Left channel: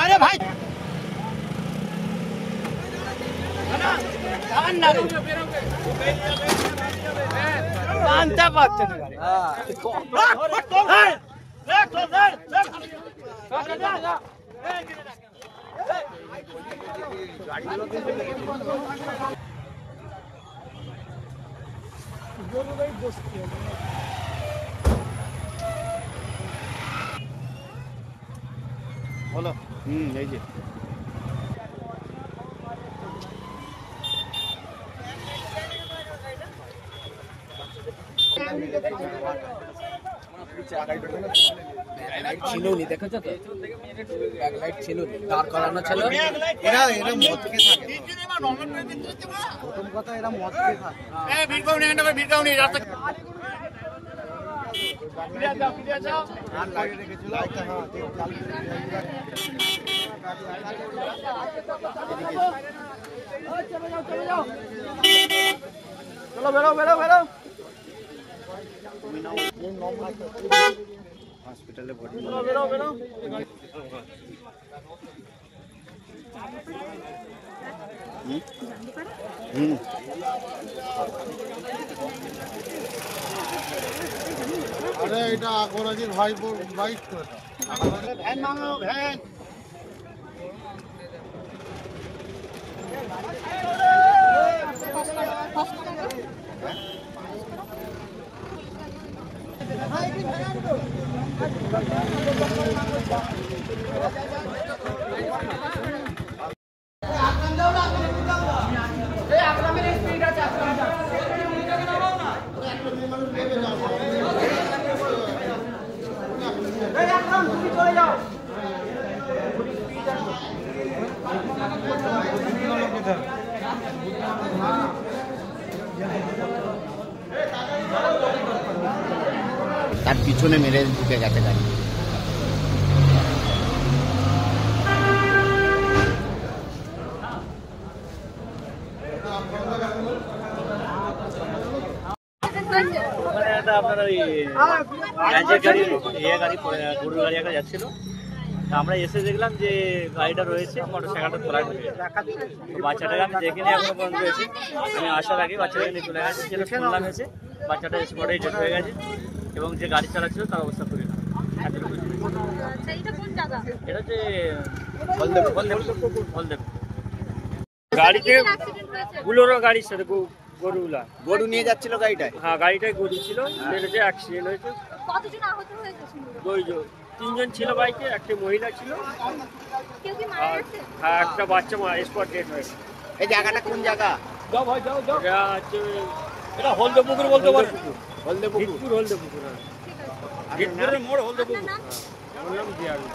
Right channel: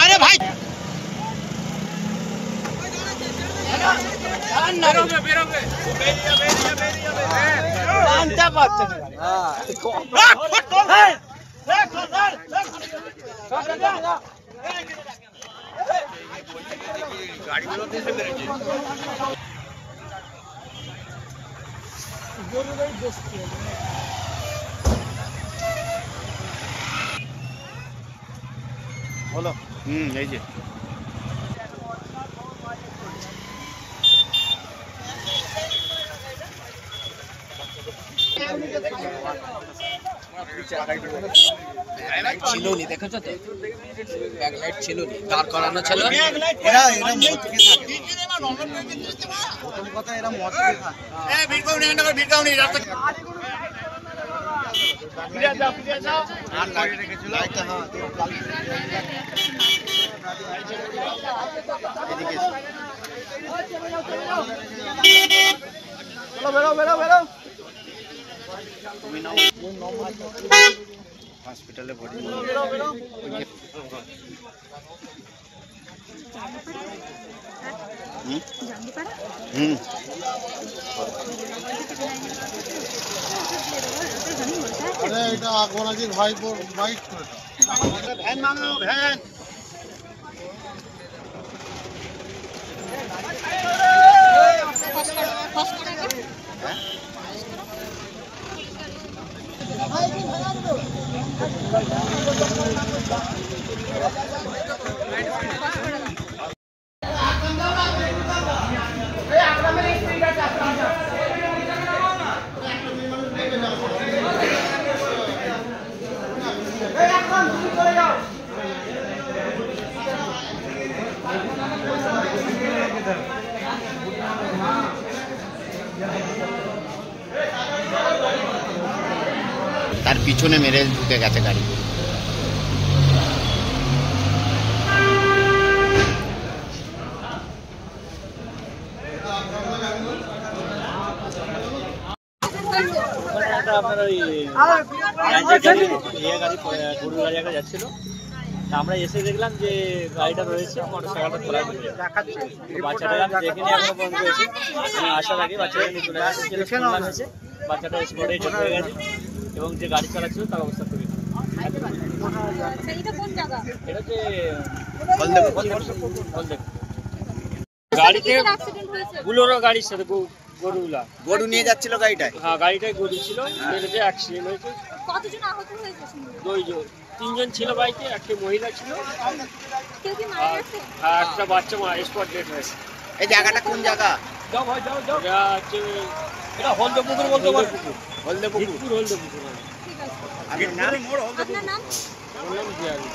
আরে ভাই জানতে পারছে গাড়িগুলো বলো এই যে ছিল নি দেখেছো তো ব্যাকলাইট ছিল নি দাঁড় করানো ছিল এরা মদ খেয়ে থাকে প্রথম কথা এরা মদ খেয়ে থাকে এই ভিড়কাও নি রাস্তা ফিরে যা আর লাগিয়ে রেখেছিল একটা এদিকে চলো বেরো তুমি নাও হসপিটালে ভর্তি আরে এটা গোনাজির ভাই বাইক করে ভ্যান মানো ভ্যান তার পিছনে মেরে ঢুকে গেছে গাড়ি। আপনার ওই গাড়ি গরুর গাড়ি একটা যাচ্ছিল, আমরা এসে দেখলাম যে গাড়িটা রয়েছে মোটরসাইকেলটা তোলা ঢুকে বাচ্চাটাকে আমি দেখিনি এখনো পর্যন্ত এসে, আমি আসার আগে বাচ্চাটাকে নিয়ে চলে গেছে, যেটা শুনলাম এসে বাচ্চাটা স্পটে ডেথ হয়ে গেছে এবং যে গাড়ি চালাচ্ছিল তার অবস্থা খুবই খারাপ। এটা হচ্ছে হলদেব গাড়িতে বুলোরো গাড়ির সাথে গরু নিয়ে যাচ্ছিল গাড়িটায়? হ্যাঁ গাড়িটায় গরু ছিল, মেরেছে, অ্যাক্সিডেন্ট হয়েছে। তিনজন ছিল বাইকে, একটা মহিলা ছিল আর একটা বাচ্চা স্পট ডেথ হয়েছে। এই জায়গাটা কোন জায়গা? এটা হচ্ছে হলদেপুকুর বলতে পারবো। হলদেপুকুর। আপনার নাম? আমার নাম জিয়ারুল।